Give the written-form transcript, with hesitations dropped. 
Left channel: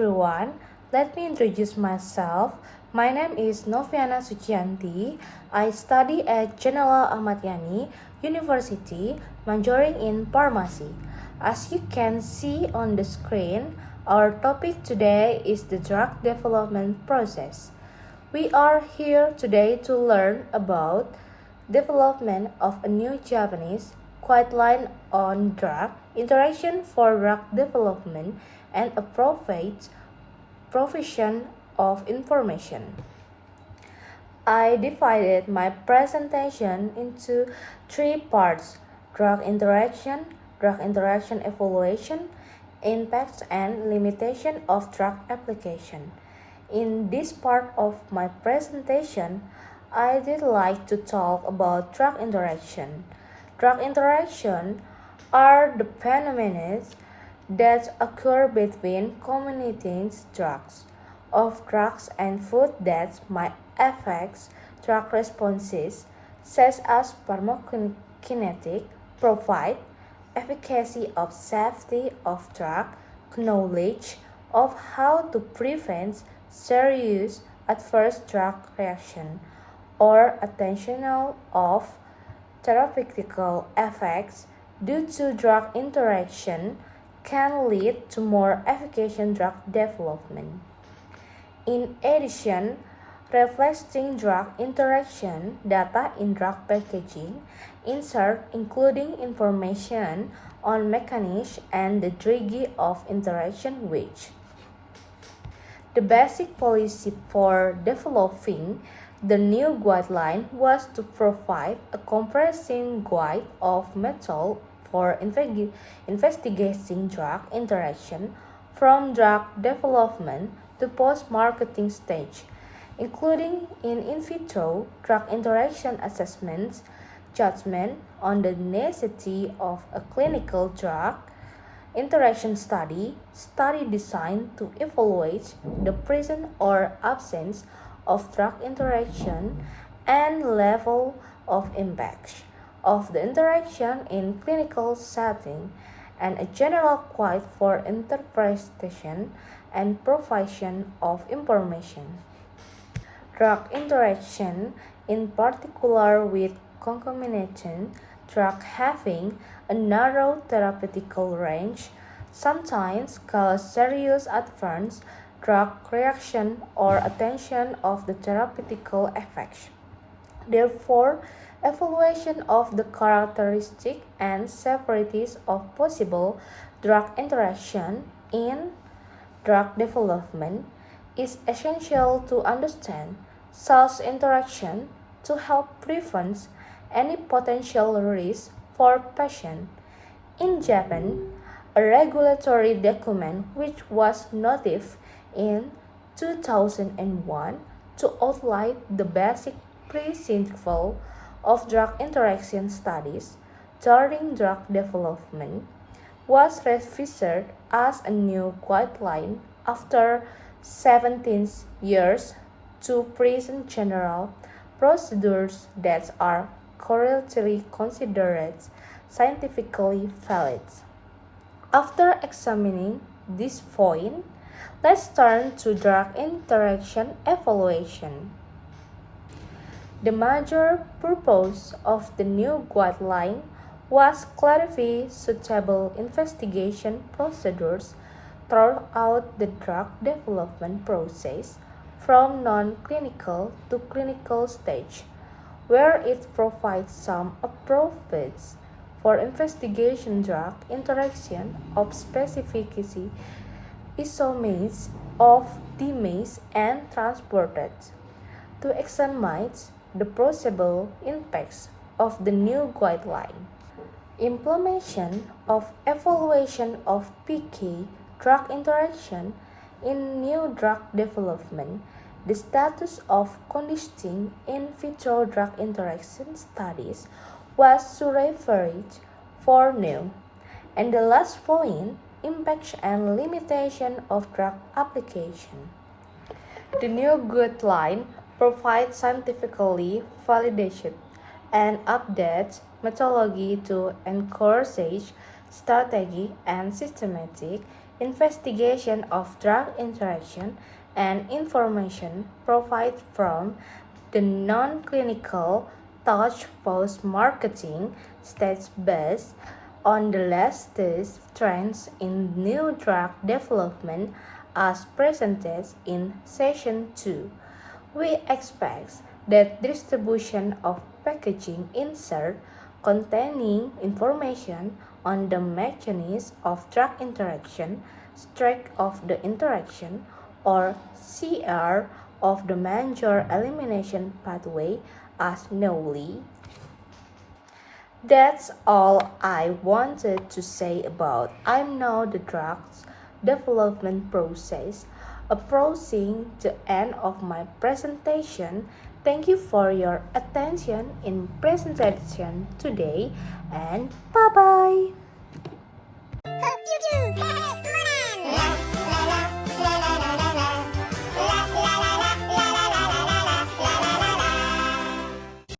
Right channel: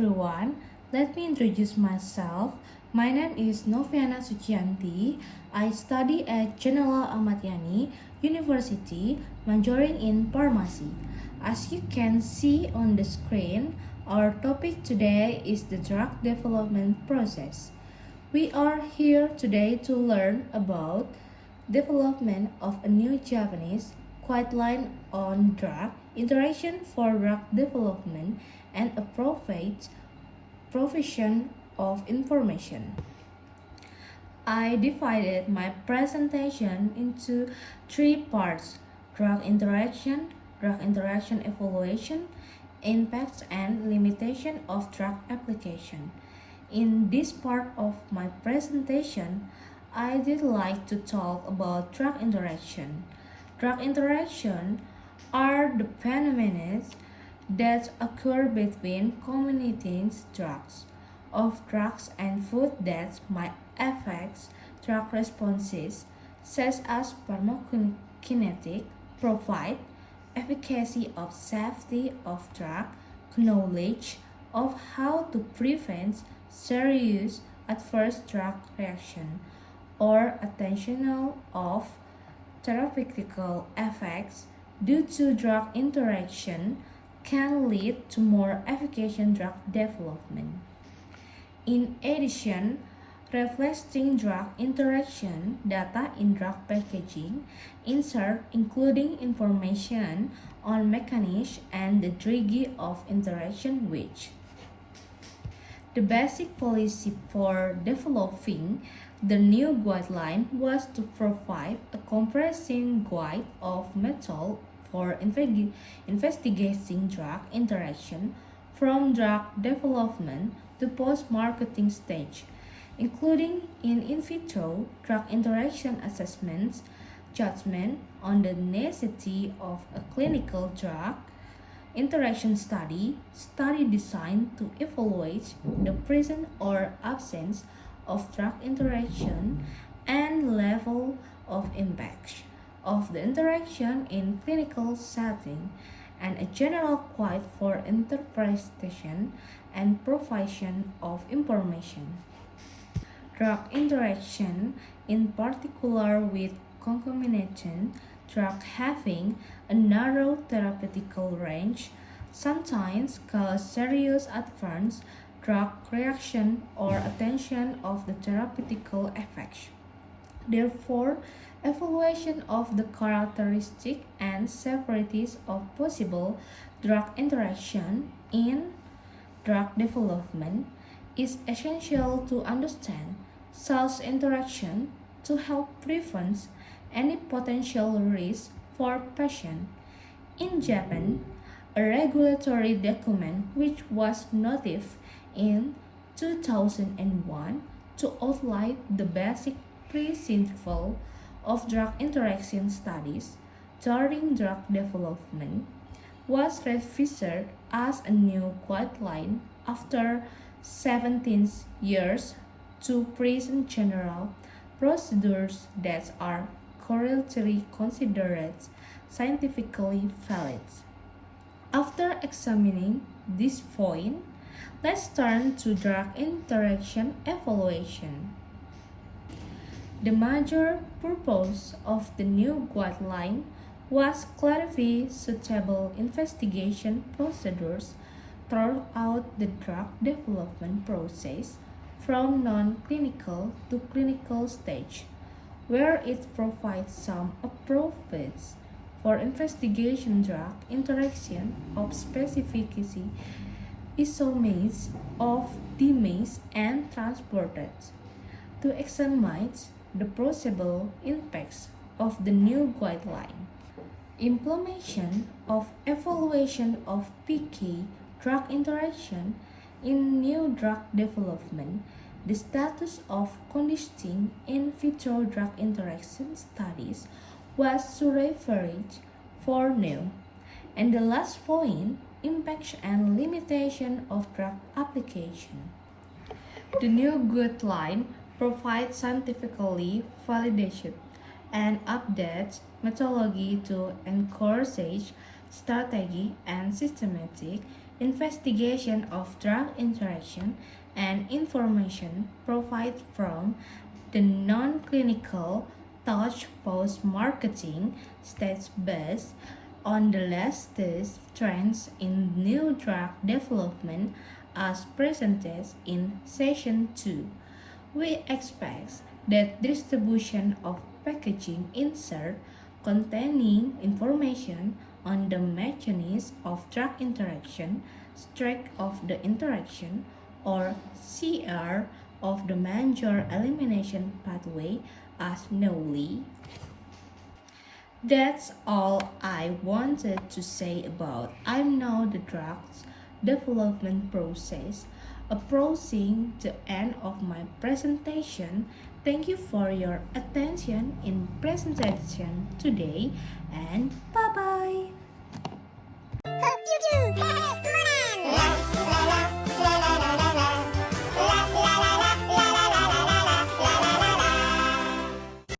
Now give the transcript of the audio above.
everyone, let me introduce myself. My name is Noviana Sucianti. I study at General Ahmad Yani University, majoring in pharmacy. As you can see on the screen, our topic today is the drug development process. We are here today to learn about development of a new Japanese guideline on drug interaction for drug development and a provision of information. I divided my presentation into three parts: drug interaction evaluation, impacts and limitation of drug application. In this part of my presentation, I did like to talk about drug interaction. Drug interaction are the phenomena that occur between communicating drugs and food that might affect drug responses, such as pharmacokinetic, provide efficacy of safety of drug, knowledge of how to prevent serious adverse drug reaction, or attentional of therapeutical effects due to drug interaction can lead to more efficacious drug development. In addition, reflecting drug interaction data in drug packaging insert including information on mechanism and the degree of interaction which. The basic policy for developing the new guideline was to provide a comprehensive guide of method for investigating drug interaction from drug development to post-marketing stage, including in vitro drug interaction assessments, judgment on the necessity of a clinical drug interaction study designed to evaluate the presence or absence of drug interaction and level of impact of the interaction in clinical setting, and a general guide for interpretation and provision of information. Drug interaction, in particular with concomitant drug having a narrow therapeutical range, sometimes cause serious adverse drug reaction or attention of the therapeutical effects. Therefore, evaluation of the characteristics and severities of possible drug interaction in drug development is essential to understand such interaction to help prevent any potential risk for patients. In Japan, a regulatory document which was notified in 2001 to outline the basic principle of drug interaction studies during drug development was revised as a new guideline after 17 years to present general procedures that are currently considered scientifically valid. After examining this point, let's turn to drug interaction evaluation. The major purpose of the new guideline was clarify suitable investigation procedures throughout the drug development process from non-clinical to clinical stage, where it provides some approaches for investigation drug interaction of specificity isomates of dimates and transported. To examine the possible impacts of the new guideline. Implementation of evaluation of PK drug interaction in new drug development. The status of conducting in vitro drug interaction studies was referred for new. And the last point, impact and limitation of drug application. The new guideline provides scientifically validated and updates methodology to encourage strategy and systematic investigation of drug interaction, and information provided from the non-clinical touch post-marketing stage based on the latest trends in new drug development as presented in Session 2. We expect that distribution of packaging insert containing information on the mechanism of drug interaction, strength of the interaction, or CR of the major elimination pathway as newly. That's all I wanted to say about I'm now the drugs development process. Approaching the end of my presentation, thank you for your attention in presentation today and bye bye. Hope you do!